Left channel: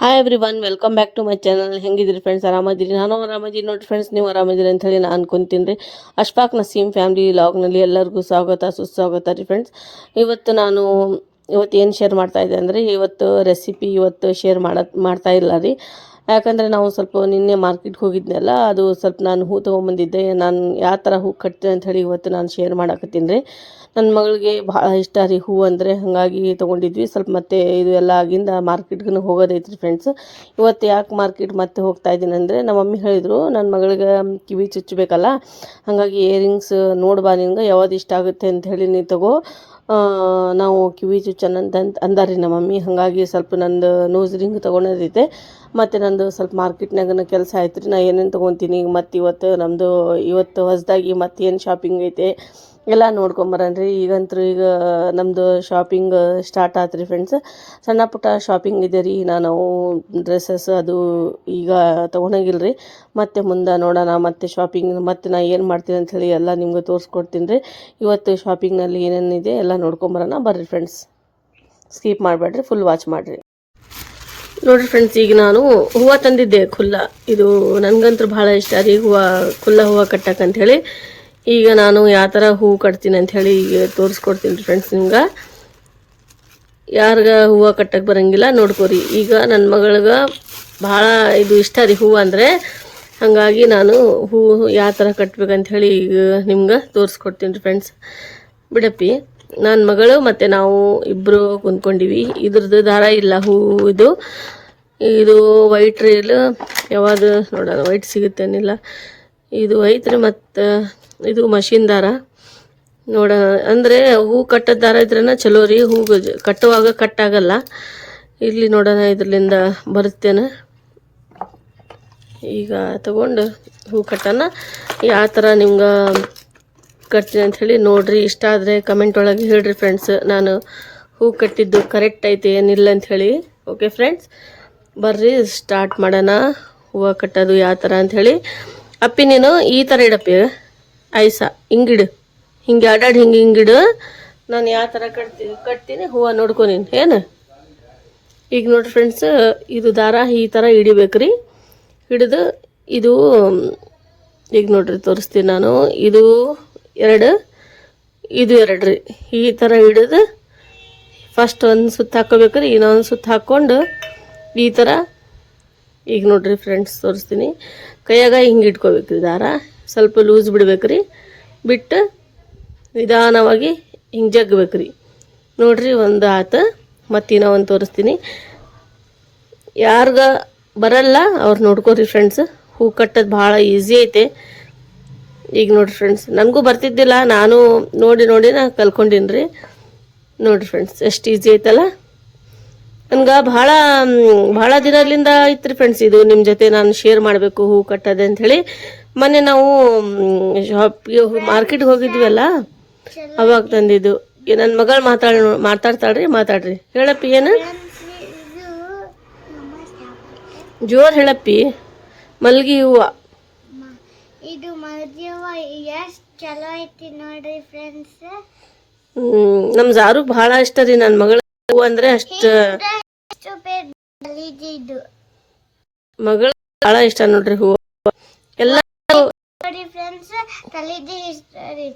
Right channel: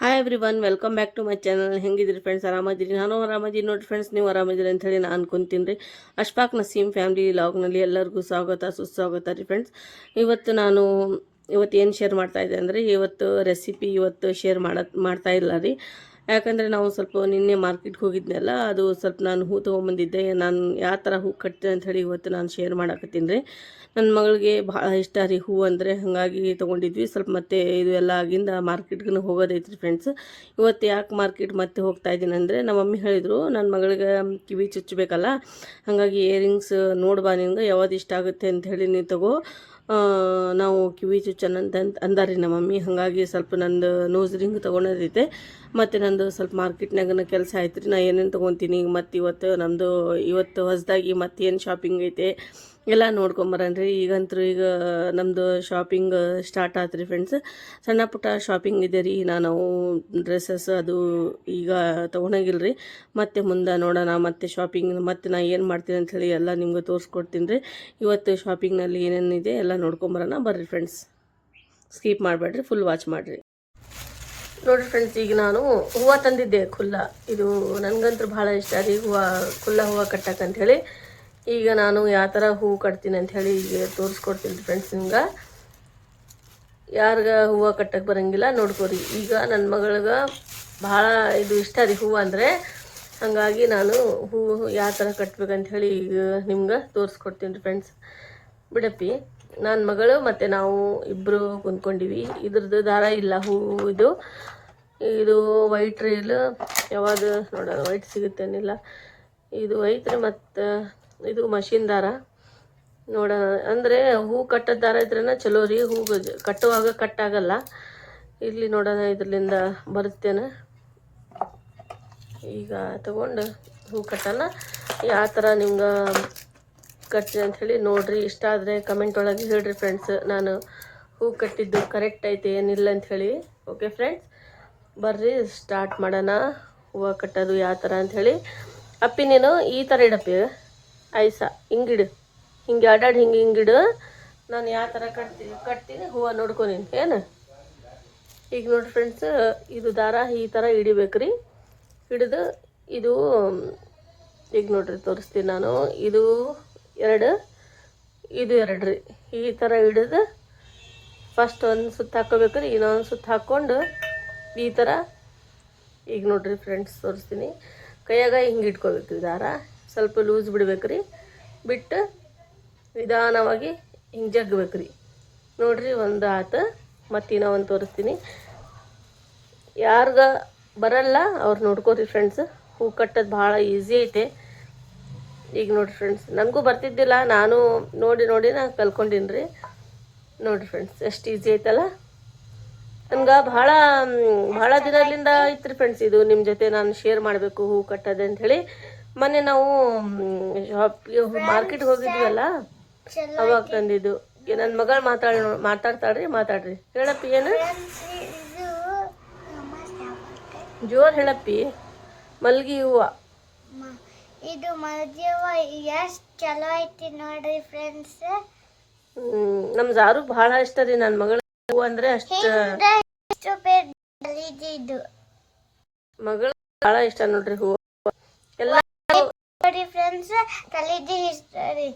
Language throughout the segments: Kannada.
Hi everyone welcome back to my channel ಹೆಂಗಿದ್ರಿ friends ಆರಾಮದಿರಿ? ನಾನು ಆರಾಮದಿರಿ. ನೋಡಿ ಫ್ರೆಂಡ್ಸ್ ನೀವು ಆರಾಮದಿರಿ ಅಂತ ಹೇಳಿ ನಾನು ಅನ್ಕೊಂತೀನಿ ರೀ. ಅಶ್ಫಾಕ್ ನಸೀಮ್ ಫ್ಯಾಮಿಲಿ ಲಾಗ್ನಲ್ಲಿ ಎಲ್ಲರಿಗೂ ಸ್ವಾಗತ, ಸುಸ್ವಾಗತ ರೀ ಫ್ರೆಂಡ್ಸ್ ಇವತ್ತು ನಾನು ಇವತ್ತು ಏನು ಶೇರ್ ಮಾಡ್ತಾ ಇದ್ದೆ ಅಂದರೆ ಇವತ್ತು ರೆಸಿಪಿ ಇವತ್ತು ಶೇರ್ ಮಾಡ, ಮಾಡ್ತಾ ಇಲ್ಲ ರೀ. ಯಾಕಂದರೆ ನಾವು ಸ್ವಲ್ಪ ನಿನ್ನೆ ಮಾರ್ಕೆಟ್ಗೆ ಹೋಗಿದ್ನಲ್ಲ, ಅದು ಸ್ವಲ್ಪ ನಾನು ಹೂ ತೊಗೊಂಬಂದಿದ್ದೆ, ನಾನು ಯಾವ ಥರ ಹೂ ಕಟ್ತೀನಿ ಅಂತ ಹೇಳಿ ಇವತ್ತು ನಾನು ಶೇರ್ ಮಾಡಾಕತ್ತೀನಿ. ರೀ ನನ್ನ ಮಗಳಿಗೆ ಭಾಳ ಇಷ್ಟ ರೀ ಹೂ ಅಂದರೆ, ಹಾಗಾಗಿ ತೊಗೊಂಡಿದ್ವಿ. ಸ್ವಲ್ಪ ಮತ್ತೆ ಇದು ಎಲ್ಲ ಆಗಿಂದ ಮಾರ್ಕೆಟ್ಗೂ ಹೋಗೋದೈತೆ ರೀ ಫ್ರೆಂಡ್ಸ್ ಇವತ್ತು ಯಾಕೆ ಮಾರ್ಕೆಟ್ ಮತ್ತೆ ಹೋಗ್ತಾ ಇದ್ದೀನಿ ಅಂದರೆ, ನಮ್ಮ ಮಮ್ಮಿ ಹೇಳಿದರು, ನನ್ನ ಮಗಳಿಗೆ ಕಿವಿ ಚುಚ್ಚಬೇಕಲ್ಲ, ಹಾಗಾಗಿ ಇಯರಿಂಗ್ಸ್ ನೋಡ್ಬಾ ನಿನ್ಗೆ, ಯಾವ್ದು ಇಷ್ಟ ಆಗುತ್ತೆ ಅಂತ ಹೇಳಿ ನೀನು ತಗೋ. ನಾವು ಕಿವಿ ಚುಚ್ಚನ ಅಂತ ಅಂದಾರಿ ನಮ್ಮ ಮಮ್ಮಿ, ಹಾಗಾಗಿ ಸ್ವಲ್ಪ ನಂದು ನೋಸ್ ರಿಂಗ್ ತೊಗೊಳೋದೈತೆ ಮತ್ತು ನಂದು ಸ್ವಲ್ಪ ಮಾರ್ಕೆಟ್ನಾಗನ ಕೆಲಸ ಆಯ್ತು ರೀ ನಾ ಏನೇನು ತೊಗೊತೀನಿ ಈಗ ಮತ್ತು ಇವತ್ತು ನಮ್ಮದು ಇವತ್ತು ಹೊಸದಾಗಿ ಮತ್ತೇನು ಶಾಪಿಂಗ್ ಐತೆ. ಎಲ್ಲ ನೋಡ್ಕೊಂಬರನ್ರಿ ಈಗಂತೂ ಈಗ ನಮ್ಮದು ಶಾಪಿಂಗ್ ಸ್ಟಾರ್ಟ್ ಆಯ್ತು ರೀ ಫ್ರೆಂಡ್ಸ್ ಸಣ್ಣ ಪುಟ್ಟ ಶಾಪಿಂಗ್ ಇದೆ ರೀ. ನಾನು ಡ್ರೆಸ್ಸಸ್ ಅದು ಈಗ ತೊಗೊಳಂಗಿಲ್ಲ ರೀ ಮತ್ತೆ ಮುಂದೆ ನೋಡೋಣ, ಮತ್ತೆ ಶಾಪಿಂಗ್ ಮತ್ತೆ ನಾ ಏನು ಮಾಡ್ತೀನಿ ಅಂಥೇಳಿ ಎಲ್ಲ ನಿಮ್ಗೆ ತೋರಿಸ್ಕೊಡ್ತೀನಿ ರೀ ಇವತ್ತು ಶಾಪಿಂಗ್ನಲ್ಲಿ ಏನೇನಿದೆ ಎಲ್ಲ ನೋಡ್ಕೊಂಬರೋಣ ಬರ್ರಿ ಫ್ರೆಂಡ್ಸ್ ಸ್ಕಿಪ್ ಮಾಡಬೇಡ್ರಿ ಫುಲ್ ವಾಚ್ ಮಾಡಿರಿ. ನೋಡ್ರಿ ಫ್ರೆಂಡ್ಸ್ ಈಗ ನಾನು ಹೂವು ತಂದಿದ್ದೆ, ಖುಲ್ಲ. ಇದು ನನಗಂತೂ ಭಾಳ ಇಷ್ಟ ರೀ. ಹೂವು, ಖುಲ್ಲ ಹೂವು ಕಟ್ಟಕ್ಕಂತ ಹೇಳಿ. ಈಗ ನಾನು ಯಾವ ಥರ ಹೂವು ಕಟ್ತೀನಿ ಅಂತ ಹೇಳಿ ಈಗ ತೋರಿಸ್ಕೊಡ್ತೀನಿ ರೀ ಫ್ರೆಂಡ್ಸ್ ನಿಮ್ಗೆ. ಯಾರಿಗ ಹೂವು ಕಟ್ಟಕ್ಕೆ ಬರಂಗಿಲ್ಲ ನೋಡ್ಕೋರಿ. ಈಗ ನನ್ನ ಮಗಳಿಗೆ ಭಾಳ ಇದು ಇಷ್ಟ ರೀ ಹೂವು ಅಂದರೆ. ಹಾಗಾಗಿ ನಾನು ಹೂವು ಯಾವ ಥರ ಕಟ್ಬೇಕಂತ ಹೇಳಿ ಈಗ ನಿಮ್ಗೆ ತೋರಿಸ್ಕೊಡ್ತೀನಿ ರೀ ಫ್ರೆಂಡ್ಸ್ ಬಿಡಪ್ಪಿ ನನ್ನ ಮಗಳು ಮತ್ತು ನಾವು ಇಬ್ಬರು ಕುಂದ್ಕೊಂಡಿವಿ ಇದ್ರದ್ದು ದಾರ ಇಲ್ಲ ಹೂವು ಇದು. ಇದು ವೈಟ್ ರೀಲ್ ಯಾವಾಗ ನೋಡೋಣ ವೈಟ್ ಸಿಗುತ್ತೇನಿಲ್ಲ. ಇದು ಐತ್ರಿ ಮತ್ತು ಇದು ಮಷಿನ್ ದಾರ ನೋಡ, ಅಂದರೆ ಹೂ ಕಟ್ಟದ ದಾರ ಇದ್ರನ ಚಲೋ ರೀ, ಹೂ ಕಟ್ಟುವಾಗ ಕಟ್ಟಾಗಲ್ಲ. ಇಲ್ಲಿ ನೋಡೋಣ ಇದರಿಂದ ಬರುತ್ತೇನೆ. ಈಗ ತಗೊಂಡು ಹೂ ಕಟ್ಟೋಣ. ಯಾವ ಥರ ನಿಮ್ಗೆ ಕಟ್ತೀನಿ ಅಂಥೇಳಿ ನೋಡಿರಿ, ಇಷ್ಟ ಆದರೆ ಕಮೆಂಟ್ ಒಳಗೆ ಹೇಳ್ರಿ ಫ್ರೆಂಡ್ಸ್ ನಾನು ಹೂ ಕಟ್ಟಿದ್ದು ಕರೆಕ್ಟ್ ಐತೆ, ಏನಿಲ್ಲ ಅಂಥೇಳಿ ಓಕೆ ಫ್ರೆಂಡ್ಸ್ ಬರ್ರಿ ಸ್ಟಾರ್ಟ್ ಮಾಡೋಣ. ಹೂವು ಕಟ್ಟೋದು ಯಾವ ಥರ ಅಂಥೇಳಿ ಅಪ್ಪಿ ನೀನು ಈ ಥರ ಇಡಪ್ಪಿ? ಐಸ, ಹಿಂಗಿಡು. ಹಿಂಗೆ ಆಡಾಡಿ ಹಿಂಗೆ ಹಿಂಗಿಡು. ನಾನು ಯಾವ ಥರ ಕಟ್ತೀನಿ ಕಟ್ತೀನಿ, ಹೂವು ನೋಡ್ಕೊ ನೀನು, ಏನು? ಈಗ ನೋಡಿ ಫ್ರೆಂಡ್ಸ್ ಇದು ದಾರ ಈ ಥರ ಹಿಡಿಬೇಕು ರೀ ಹಿಡಿದು ಇದು, ಈಗ ನೋಡ್ರಿ ತೋರಿಸ್ತೀನಿ ನಾನು. ಇದು ಎರಡು ಇದು ಎರಡು ರೀ ಈ ಥರ ಹಿಡಿದು ಫಸ್ಟ್ ಒಂದು ಸುತ್ತ ಹಾಕೋಬೇಕು ರೀ ಇನ್ನೊಂದು ಸುತ್ತ ಹಾಕ್ಕೊಂಡು ಈ ಥರ ಈಗ ನೋಡ್ರಿ ಫ್ರೆಂಡ್ಸ್ ತೋರಿಸ್ತೀನಿ. ಕೈಯಾಗ ಹಿಂಗೆ ಇಟ್ಕೋಬೇಕು ರೀ ದಾರ. ಸ್ವಲ್ಪ ಲೂಸ್ ಬಿಡ್ಬೇಕ್ರಿ. ಬಿಟ್ಟು ನಿಧಾನವಾಗಿ ಹಿಂಗೆ ಜಗ್ಬೇಕು ರೀ ನೋಡ್ರಿ ಒಂದು ಆತ ಮತ್ತು ಇನ್ನೂ ಒಂದು ತೋರಿಸ್ತೀನಿ. ಯಾರ್ಗ ಬರಲ್ಲ ಅವ್ರು ನೋಡ್ಕೋರಿ ಫ್ರೆಂಡ್ಸ್ ಹೂ ಕಟ್ಟೋದು ಭಾಳ ಈಸಿ ಐತೆ. ಈಗ ನೋಡ್ರಿ ಫ್ರೆಂಡ್ಸ್ ನನಗೂ ಬರ್ತಿದ್ದಿಲ್ಲ, ನಾನು ನೋಡಿ ನೋಡಿ ನಾ ಕಲ್ಕೊಂಡಿನಿ ರೀ ನೋಡ್ರಿ ಫ್ರೆಂಡ್ಸ್ ಎಷ್ಟು ಈಸಿ ಐತಲ್ಲ. ನನ್ಗೆ ಭಾಳ ಭಾಳ ದಿನದಿಂದ ಐತ್ರಿ ಫ್ರೆಂಡ್ಸ್ ಇದು. ನಿಮ್ಮ ಜೊತೆ ನಾನು ಶೇರ್ ಮಾಡಬೇಕು ಹೂ ಕಟ್ಟೋದೆ ಅಂಥೇಳಿ ಮೊನ್ನೆ ನಾವು ಶಾಪ್ಗೆ ಮಾರ್ಕೆಟ್ಗೆ ಹೋಗಿದ್ವಲ್ಲ ಅವಾಗ ತಂದಿದ್ದು. ನನ್ನ ಮಗಳು ಮಾತಾಡ ಮಾತಾಡ್ತಾಳ್ರಿ ಮಾತಾಡ್ರಿ. ಹೇಳಪ್ಪಿ ಏನು? ಜೋರ್ ಹೇಳಪ್ಪಿ. ಮಲ್ಗಿ ಹೂವ. ಇದು ಮಲ್ಗೆವ ಎಷ್ಟು ಚಲೋ ಐತಿ ನೋಡ್ರಿ ಫ್ರೆಂಡ್ಸ್ ಹ್ಮ್, ನಮ್ ಜಾರು ಬಹಳ ಇಷ್ಟ ರೀ ನನ್ನ ಮಗಳ ಹೂವ ಅಂದ್ರೆ ಅಷ್ಟ ಮಗಳ ಬಹಳ ಇಷ್ಟ ನೋಡ್ರಿ ಹೂವ. ನೋಡಿ ಫ್ರೆಂಡ್ಸ್ ಕಲಿಜಿ ಇಷ್ಟರಿ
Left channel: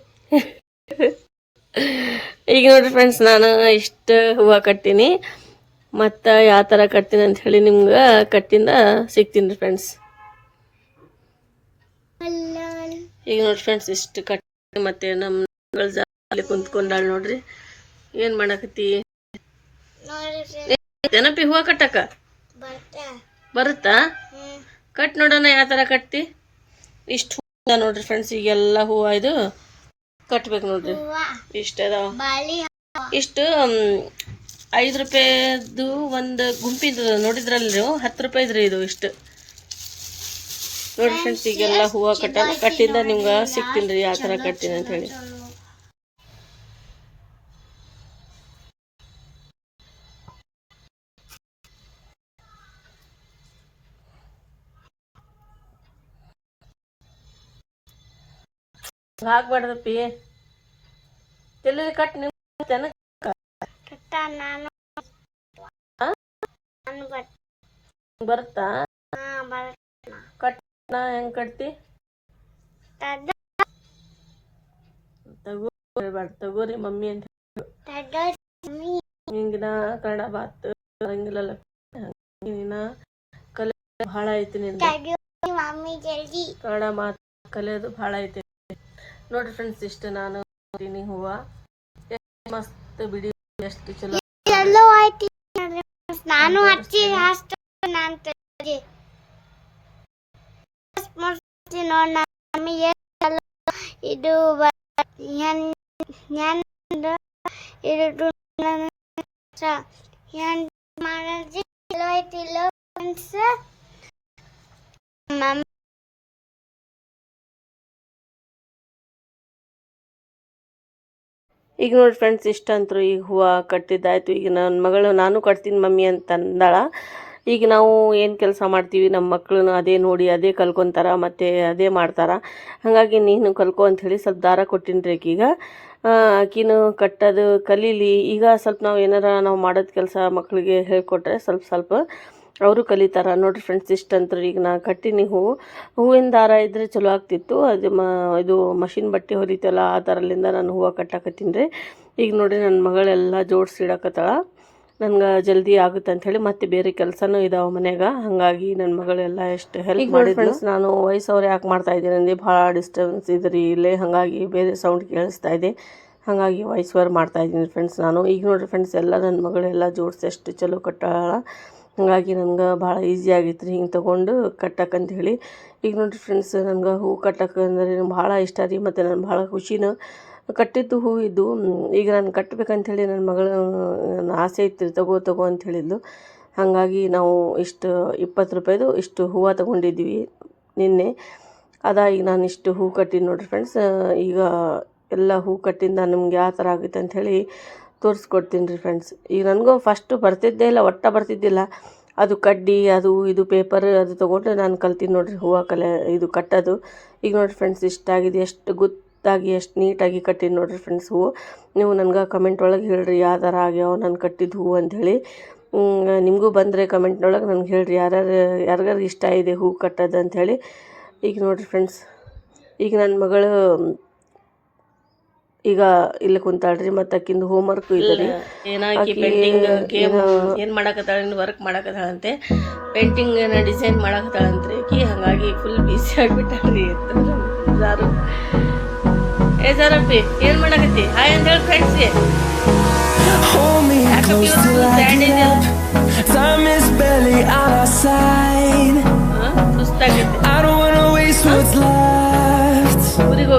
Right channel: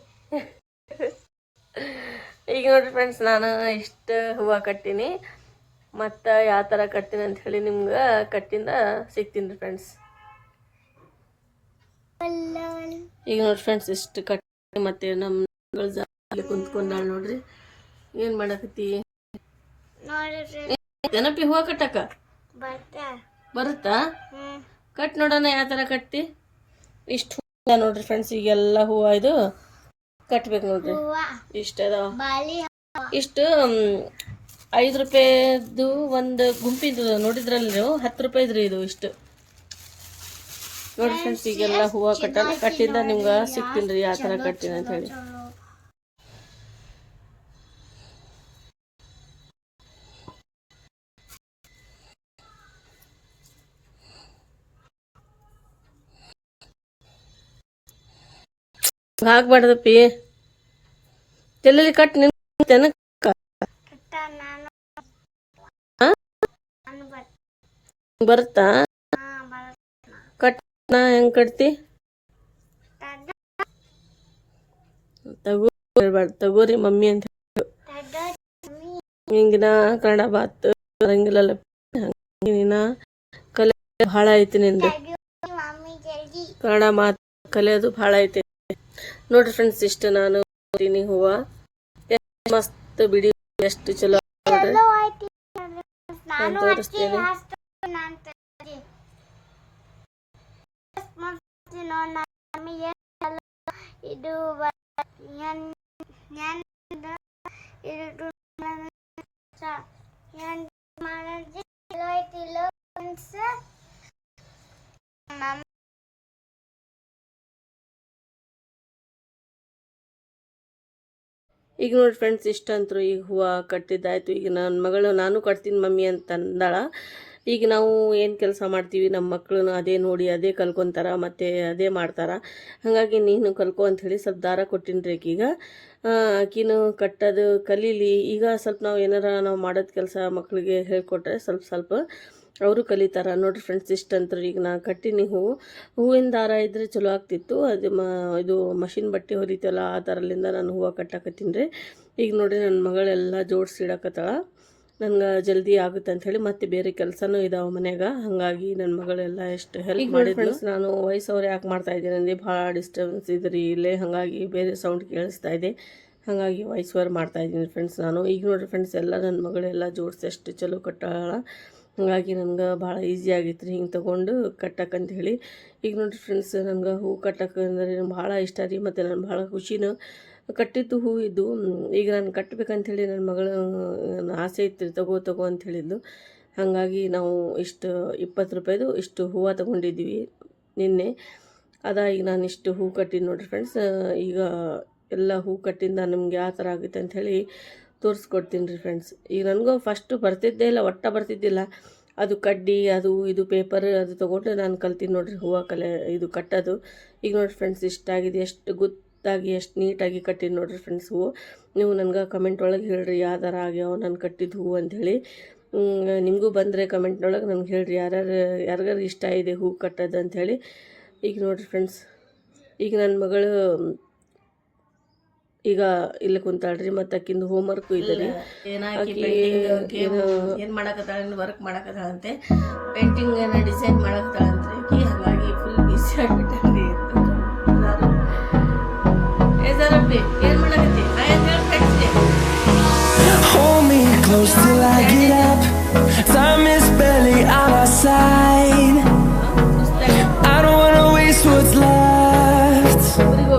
ಈಗ ನೋಡ್ರಿ ಫ್ರೆಂಡ್ಸ್ ನಾನು ಇಷ್ಟ ಹೂವು ಕಟ್ತೀನಿ ಮತ್ತು ಯಾವ ಥರ ಕಟ್ತೀನಿ ಅಂತ ಹೇಳಿ ನಿಮ್ಗೆ ಕಟ್ಟಿಂದ ಸಿಗ್ತೀನಿ ರೀ ಫ್ರೆಂಡ್ಸ್ ಈಗ ನೋಡಿ ಫ್ರೆಂಡ್ಸ್ ಇಷ್ಟು ಕಟ್ಟಿ ಮತ್ತೆ ನಮ್ಮ ಜಾಲಿ ಕುಂತ್ಕೊಂಡಾಳ ನೋಡ್ರಿ. ಏನು ಮಾಡಕತ್ತಿ? ನೆನಪಿ ಹೂವು ಕಟ್ಟಕ? ಬರುತ್ತಾ? ಕಟ್ ನೋಡೋಣ ಯಾವ ಥರ ಕಟ್ತಿ ಇಷ್ಟು ಹೂವ ನೋಡ್ರಿ ಫ್ರೆಂಡ್ಸ್ ಈಗೆಲ್ಲ ಹೂವ ಇದು ಕಟ್ಬೇಕು ನೋಡ್ರಿ. ಇಷ್ಟ ಅದಾವ. ಇಷ್ಟು ಐದು ರೂಪಾಯಿದು ಒಂದು ಗುಂಪಿದು ನೋಡಿದ್ರಲ್ಲ ನೀವು? ಹತ್ತು ರೂಪಾಯಿದ್ರಿ ಇದು ಇಷ್ಟು. ನೋಡ್ರಿ ಫ್ರೆಂಡ್ಸ್ ಈಗೆಲ್ಲ ಹೂವಾ ಕಟ್ಟ ಕಟ್ಟಿಂದ ನಿಮ್ಗೆ ಸಿಗ್ತೀನಿ ರೀ ಯಾವ ಥರ ಕಟ್ತೀನಿ ಅಂತ ಹೇಳಿ. ಹಾಕ್ಬಾರ್ದಪ್ಪಿ ಎಲ್ಲೆಲ್ಲಿ ಕಟ್ ನಿನ್ನ ಕಟ್ ಬರುತ್ತಾ? ಹಾ ಬರ್ ಕಟ್ನ ಹೆಂಗ್ ಕಟ್ತಿ? ತಗೋ ತಗೋರಿ ಮಮ್ಮಿ ಅಂತ ಹಿಂಗಿನ ಕನ್ನಡ ಬಾತ್ ಬರಂಗಿಲ್ಲಲ್ಲ ನೀನ ಕಲೆ ಬಹಳ ಐತಿ ನಿಂದು. ಕನ್ನಡ ಮಾತು ಕಲಿಯೋದು ಭಾಳ ಐತಿ. ನೋಡ್ರಿ ಫ್ರೆಂಡ್ಸ್ ಇಷ್ಟು ನಾನು ಹೂವ. ಮಸ್ತ್ ಬಿಡಿ ಎಷ್ಟು ಚಲೋ. ನಾನು ನಾನ್ ಹಚ್ಚಿ ಈಗ ನೋಡಿ ಫ್ರೆಂಡ್ಸ್ ಇಷ್ಟಂತರೂ ಈಗ ಹೂವು ಕಟ್ಟಿದ್ದಾಯಿತು. ಈಗ ನನ್ನ ಮಗಳು, ನಾನು ಕಟ್ತೀನಿ ಮಮ್ಮಿ ಅಂತ ಅಂದಾಳ ಈಗ ನಾವು ಏನು ಕೆಲಸ ಮಾಡ್ತೀವಿ ನಮ್ಮ ಮಕ್ಕಳನ್ನು ಅದೇ ನೋಡಿ, ಅದೇ ಕಲ್ಕೊತಾರ, ಮತ್ತು ಅದೇ ಮಾಡ್ತಾರ. ಹಾಗಾಗಿ ನೀನು ಕಲ್ಕೊ ಅಂಥೇಳಿ ಸ್ವಲ್ಪ ದಾರ ಕೊಟ್ಟಿನಿ ಈಗ ಆಕಿನು ಕಟ್ಟೋದು ಕಲೀಲಿ. ಈಗ ಸ್ವಲ್ಪ ನಾವು ಏನಾರ ನಾವು ಮಾಡೋದು ಕೆಲಸ ಮಕ್ಕಳಿಗೆ ಹೇಳಿಕೊಟ್ರೆ ಸ್ವಲ್ಪ ಸ್ವಲ್ಪ ಅವರು ಕಲಿತಾರ. ನೋಡಿರಿ ಫ್ರೆಂಡ್ಸ್ ಇಷ್ಟಂತರು ಈಗ ನಾ ಕಟ್ಟಿನಿ ಹೂವು ಹೂವಿನ ದಾರ ಇದ್ದರೆ ಚಲೋ ಆಗ್ತಿತ್ತು. ಅದು ಮ ಇದು ಮಷಿನ್ ಬಟ್ಟೆ ಹೊಲಿತಲ್ಲ ಆ ಥರಲಿಂದ ನಾನು ಹೂವು ಕಟ್ಟಾಕತ್ತೀನಿ ರೀ. ಈಗ ನೋಡಿರಿ ನನ್ನ ಮಗಳೆಲ್ಲ ಜೋಡಿಸಿ ಇಡಕತ್ತಾಳ. ನನ್ಗೆ ಜಲ್ದಿ ಆಗುತ್ತೆ ಅಂಥೇಳಿ ಮತ್ತೆ ಬೇರೆ ಕೆಲಸನೂ ಇದಾವೆ ಮನೆಯಾಗ. ಹಾಗಾಗಿ ನನ್ನ ಮಗಳೆಲ್ಲ ಎಷ್ಟು ಹೆಲ್ಪ್ ಮಾಡಿ ಫ್ರೆಂಡ್ಸ್ ನಾನು ವಯಸ್ಸವ್ರು ಯಾಕೆ ಮಾಡ್ತಾ ಇದ್ದೀನಿ ಅಂದರೆ ಭಾಳ ಡಿಸ್ಟರ್ಬೆನ್ಸ್ ಇದ್ರಿ ಇಲ್ಲೇ. ಹಾಗಾಗಿ ಬೇರೆ ಸೌಂಡ್ ಕೇಳಿಸ್ತಾ ಇದೆ. ಹಾಗಾಗಿ ವಾಯ್ಸ್ ಓವರ್ ಮಾಡ್ತಾ ಇದ್ದೀನಿ ಫ್ರೆಂಡ್ಸ್ ನಾನು. ಈಗ ನೋಡಿರಿ ಫ್ರೆಂಡ್ಸ್ ಎಲ್ಲ ನನ್ನ ಮಗಳೆಲ್ಲ ಜೋಡಿಸಿ ಎಷ್ಟು ಚಲೋ ಕಟ್ಟಾಳ. ಹಾಗಾಗಿ ನನ್ಗೆ ಭಾಳ ಈಸಿ ಆಗಿತ್ತು ರೀ ಹಿಂಗೆ ತೊಗೊಂಡು ಅಂತ ಹೇಳಿ ಈಗ ನೋಡಿರಿ ಫ್ರೆಂಡ್ಸ್ ನನಗೆ ಹೂ ಕಟ್ಟಕ್ಕೆ ಅಂದರೆ ಭಾಳ ಇಷ್ಟ ರೀ, ಮತ್ತು ನಾನು ಭಾಳ ಖುಷಿನೂ ಕಟ್ಟಿದ್ದು ಹೂ ಇದ್ದು ಈಗ ನಾನು ಕಟ್ಟಬೇಕಂಥೇಳಿ ನನ್ನ ಮಗಳ ಆಸೆ ಇತ್ತು ರೀ ತಗೋ ತಗೋ ಅಂತ ಹೇಳಿದ್ಲು ಹಾಗಾಗಿ ನಾವು ಇಷ್ಟು ಇಪ್ಪತ್ತು ರೂಪಾಯಿದು ಇಷ್ಟು ಹೂವು ತೊಗೊಂಡಿದ್ವಿ ನಿನ್ನೆ. ಅದ ಈಗ ನಾನು ಇಷ್ಟು ಹೂ ಕಟ್ಟಿದ್ದು ನೋಡಿರಿ ಫ್ರೆಂಡ್ಸ್ ಈಗ ಎಲ್ಲ ಹೂ ಕಟ್ಟಿಂದ ನಮ್ಗೆ ಯಾವ ಥರ ಆಗುತ್ತೆ ಅಂಥೇಳಿ ತೋರಿಸ್ಕೊಡ್ತೀನಿ ರೀ ಫ್ರೆಂಡ್ಸ್ ಈಗ ನನಗೂ ಫಸ್ಟು ಬರ್ತಿದ್ದೇ ಇಲ್ಲ, ಒಟ್ಟ ಬರ್ತಿದ್ದಿಲ್ಲ. ಅದು ಕಡ್ಡಿ, ಅದು ಇದು ಪೇಪರ್ ಅದು ತೊಗೊಂಡು ನಾನು ಕಲ್ತೀನಿ ನೋಡಿರಿ ಹೂವು ಕಲೆ, ಇದು ಕಟ್ಟೋದು. ಈಗ ನೋಡಿರಿ ಫ್ರೆಂಡ್ಸ್ ಇಷ್ಟಾಗಿದೆ ಎಷ್ಟು ಗುತ್ತಾಗಿ, ಎಷ್ಟು ನೀಟಾಗಿ ಕಟ್ಟಿನಿ ನೋಡಿರಿ ಫ್ರೆಂಡ್ಸ್ ಹೂವು. ನೀವು ನನಗೆ ಕಮೆಂಟ್ ಒಳಗೆ ಹೇಳ್ರಿ, ಯಾವ ಥರ ಆಗ್ಯಾವ ನಾನು ಕಟ್ಟಿದ ಹೂವು ಅಂಥೇಳಿ ನಿಮಗೂ ಬಂದರೆ ಕಮೆಂಟ್ನೊಳಗೆ ನನಗೆ ಹೇಳ್ರಿ, ಯಾರ್ಯಾರು ಯಾರಿಗಾರು ಇಷ್ಟ ಇದೆ ಹೂವು ಕಟ್ಟೋದು ಅಂಥೇಳಿ ಈಗ ನೋಡಿರಿ ಫ್ರೆಂಡ್ಸ್ ಈಗ ನನ್ನ ಮಗಳು ಈಗ ಇಲ್ಲಿ ಕುಂತಾಳ್ರಿ ಆಕಿಂದ ಹೋಮ್ ವರ್ಕ್ ಇದೆ ರೀ. ಆಕಿ ಏನ್ ಏನು ಮಾಡಕತ್ತಾಳ ವರ್ಕ್ ಮಾಡಕತ್ತಾಳಂತೆ. ಪೇಂಟಿಂಗ್ ಡಿಸೈನ್ ಮಾಡಕತ್ತಾಳಂತ್ರಿ. ಆಕಿ ಹಂಗಾಗಿ ಫುಲ್ ಬಿಸಿ ಆಗಿಬಿಟ್ಟಾಳ್ರಿ ಎಲ್ಲಾರು ಏ ಸರಪ್ಪಿ ಏನ್ ಮಾಡಕತ್ತಿ? ಹಾಯ್ ಅಂತ ಹೇಳಿ ಫ್ರೆಂಡ್ಸ್ಗೆ Hold me close till I get up. Time is barely on our side. I don't wanna waste what's left. ಊರಿಗೆ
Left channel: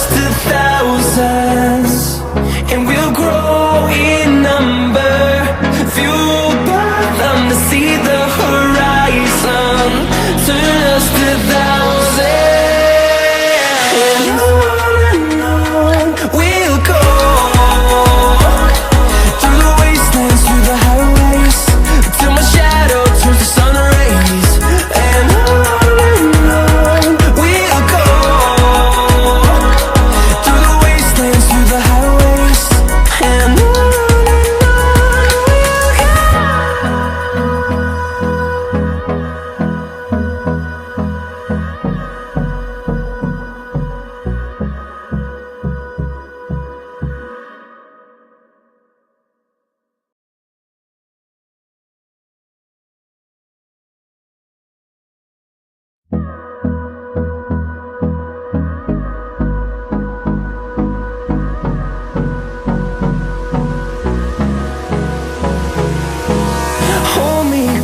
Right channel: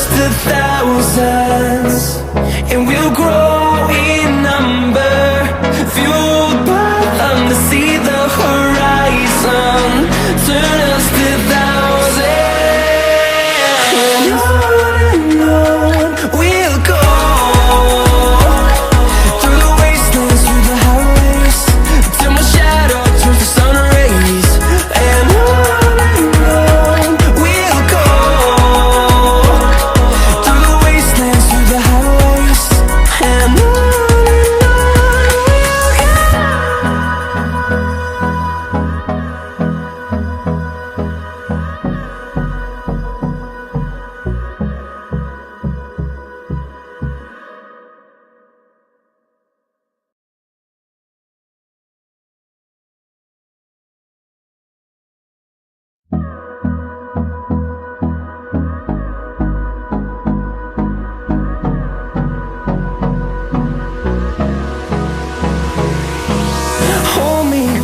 just a thousand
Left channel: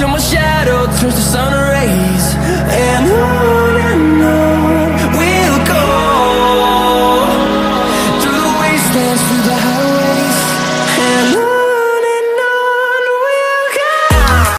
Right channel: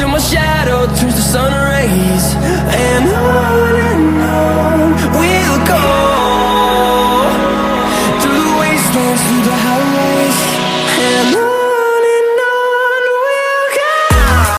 till my shadow turns to sun.